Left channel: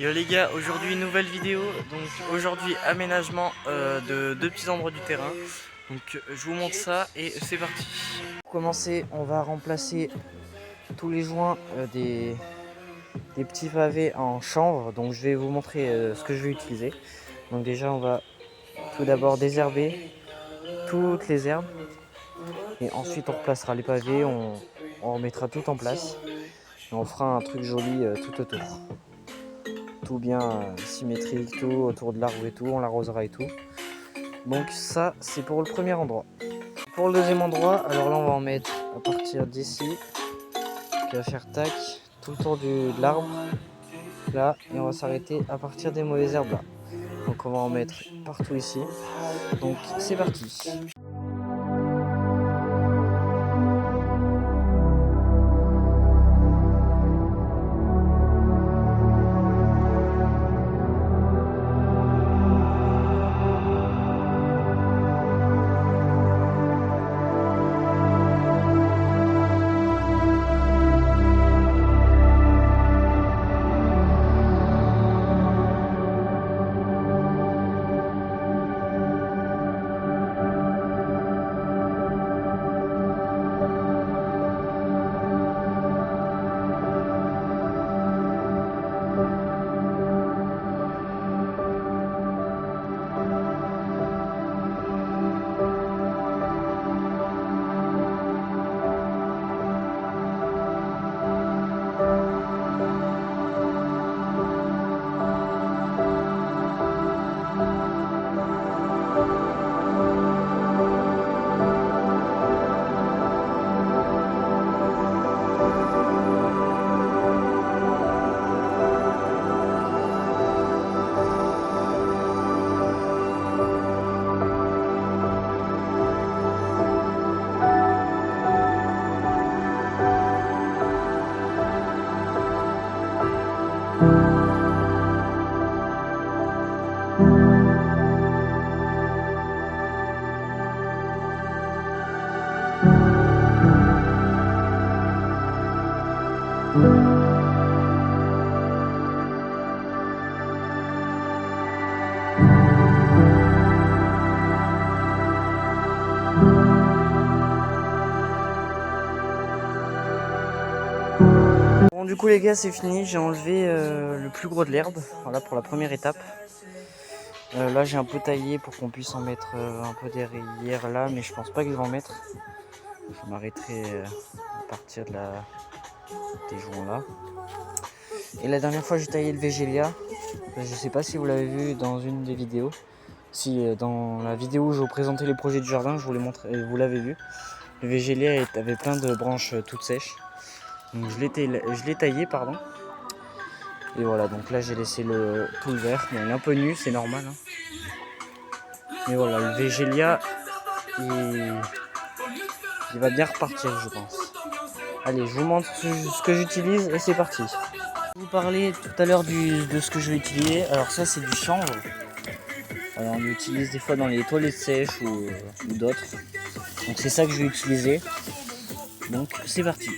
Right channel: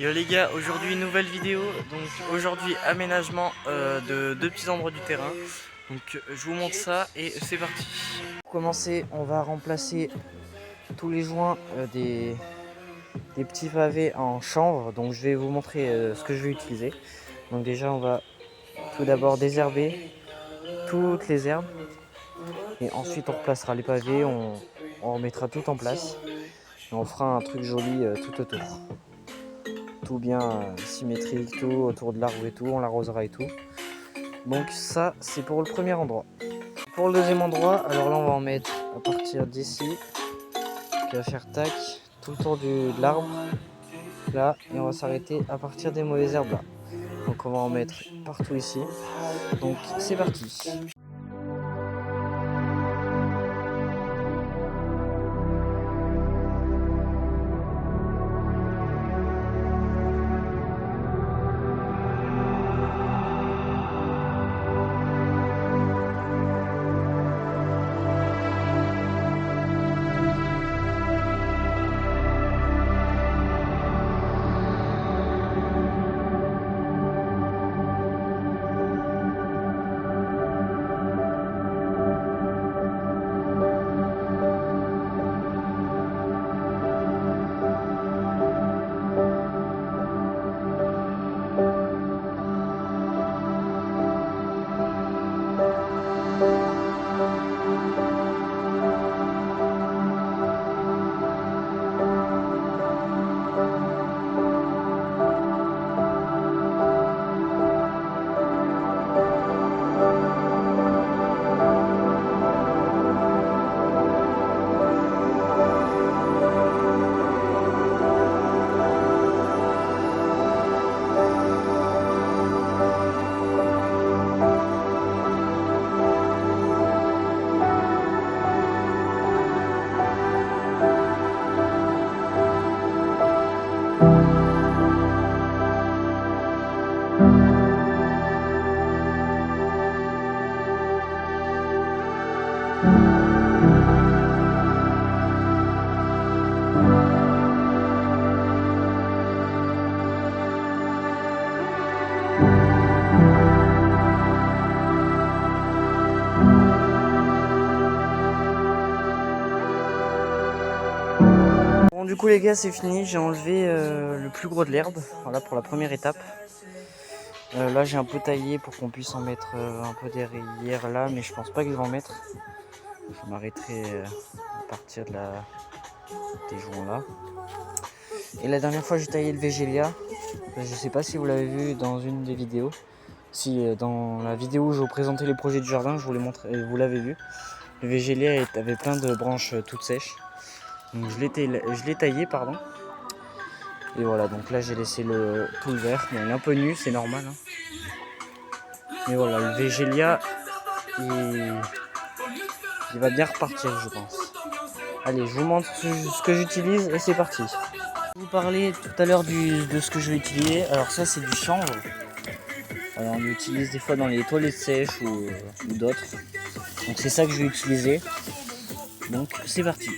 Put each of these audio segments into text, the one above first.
Yo les gars, aujourd'hui une nouvelle vidéo. Donc aujourd'hui aménagement de deux petits endroits du terrain. Donc je vous montre ça et c'est parti. Pour commencer, on va remplacer tous les joints des petits pavés en chanvre. Donc je vais vous montrer ce que je vais utiliser. Donc déjà on va tout d'abord désherber toutes les herbes. Et ensuite on replacera les pavés, on remettra tout en place. Et on fera un truc joli tout autour. Tout bien symétrique, tout autour de l'arbre et tout, on l'arrosera et tout. Donc ça c'est pour le premier endroit. Pour le deuxième endroit, alors là on va en mettre à partir d'ici, qui va faire tac, tout le tour de l'arbre, là, et on va s'arrêter à partir des mauvaises herbes là. Donc on va en mettre partout ici. Donc c'est parti. Bon du coup les gars c'est fini, j'ai enlevé le plus gros de l'herbe, voilà pour la première étape. Là j'ai un peu taillé pour qu'on puisse en mettre un peu derrière là, mais je pense pas que je vais en mettre. Je m'arrêterai à partir de des joints là. Et la dernière fois j'ai taillé le végélia, je sais pas si vous l'avez vu dans une des vidéos. Si dans la vidéo où je vous présentais les projets du jardin, je vous l'ai montré, vous l'avez vu. Le végélia avait plein de branches toutes sèches. Donc je l'ai taillé, pardon. Et voilà, donc là j'ai laissé tout le vert. Bon, il est un peu nu, c'est normal. Hein. Mais voilà, le végélia, il va bien repartir, je pense. Allez, je vous montre ce que j'utilise et c'est parti. Je vous parlais tout à l'heure de ce que je vais utiliser. Alors ça c'est du chanvre. Alors, on l'utilise des fois dans les toilettes sèches ou d'autres. Donc c'est ça que je vais utiliser. Donc c'est parti.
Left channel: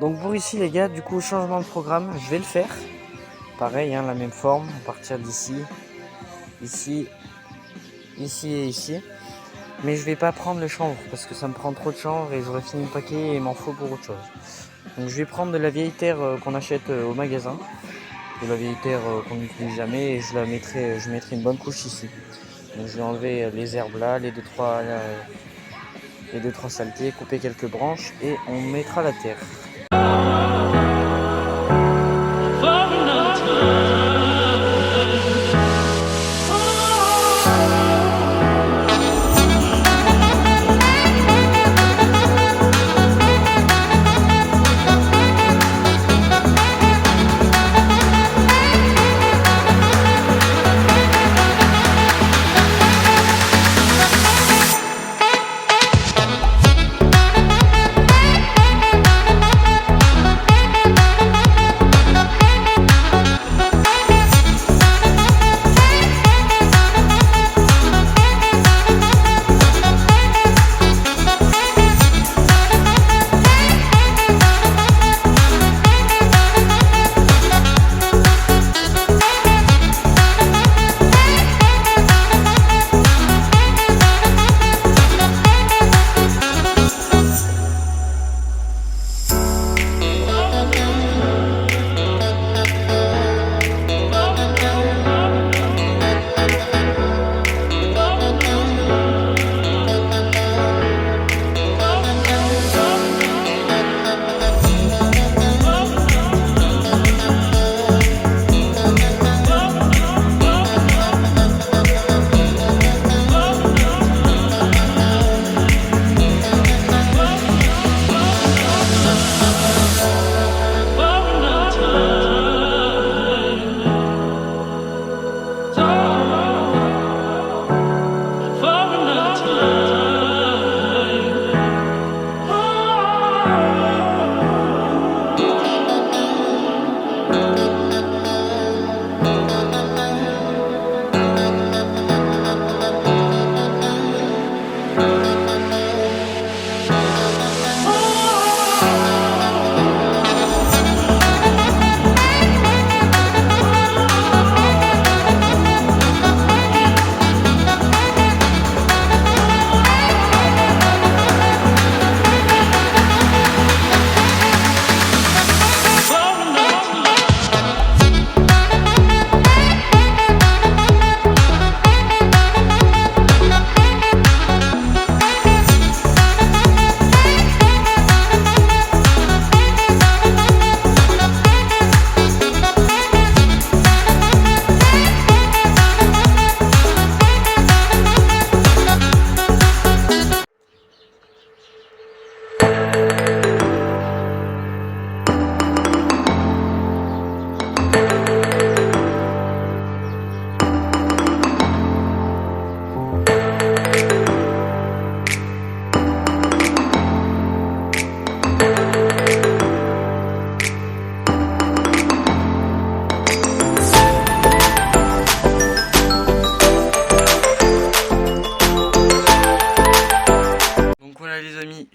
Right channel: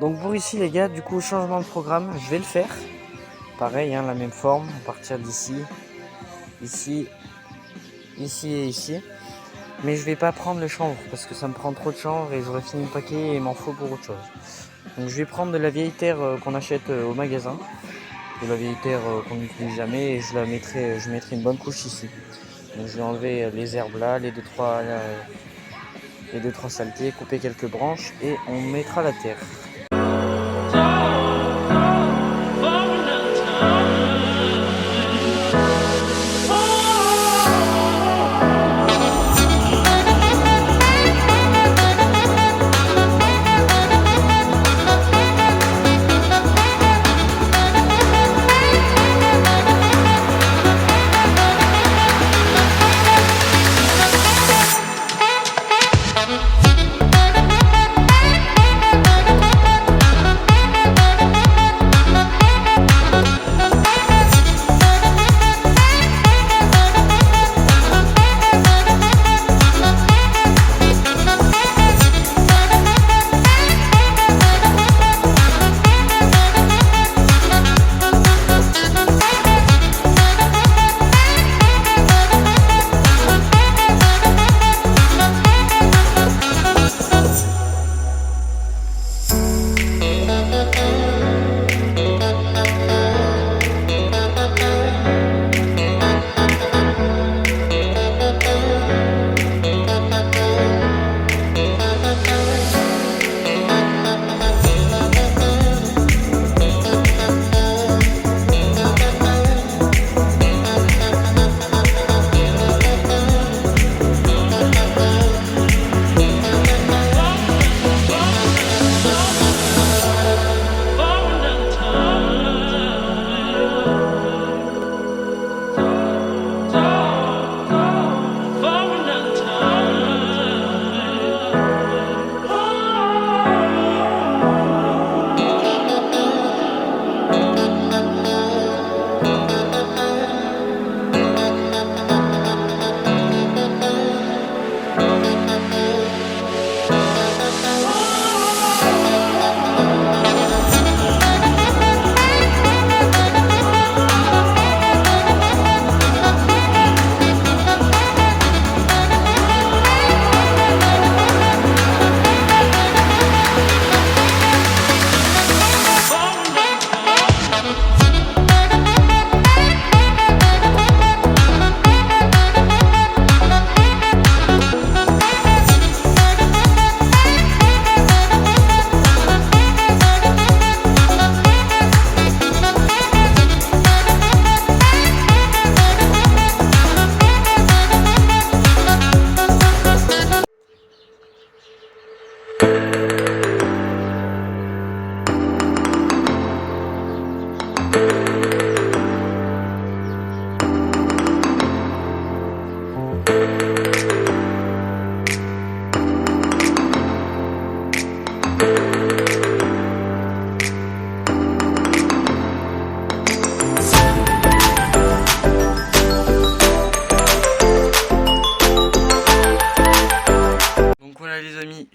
Donc pour ici les gars, du coup changement de programme, je vais le faire. Pareil, hein, la même forme, à partir d'ici, ici, ici et ici. Mais je vais pas prendre le chanvre parce que ça me prend trop de chanvre et j'aurais fini le paquet et il m'en faut pour autre chose. Donc je vais prendre de la vieille terre qu'on achète au magasin. De la vieille terre qu'on n'utilise jamais et je mettrai une bonne couche ici. Donc je vais enlever les herbes là, les deux trois saletés, couper quelques branches et on mettra la terre.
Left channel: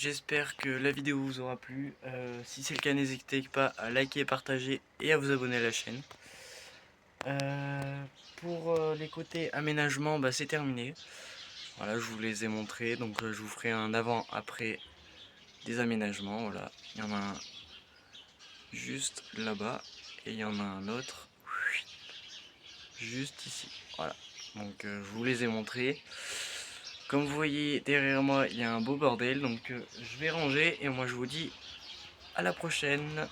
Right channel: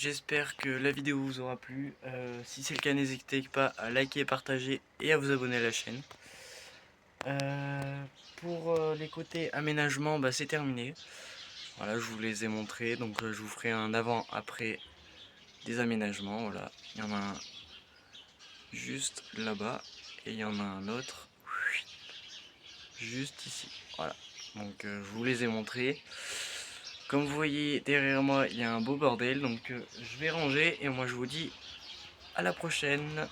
j'espère que la vidéo vous aura plu. Si c'est le cas, n'hésitez pas à liker, partager et à vous abonner à la chaîne. Pour les côtés aménagement, bah, c'est terminé. Voilà, je vous les ai montrés, donc je vous ferai un avant-après des aménagements. Voilà, il y en a un juste là-bas et il y en a un autre juste ici. Voilà, donc je vous les ai montrés. Comme vous voyez derrière moi, il y a un beau bordel, donc je vais ranger et moi je vous dis à la prochaine.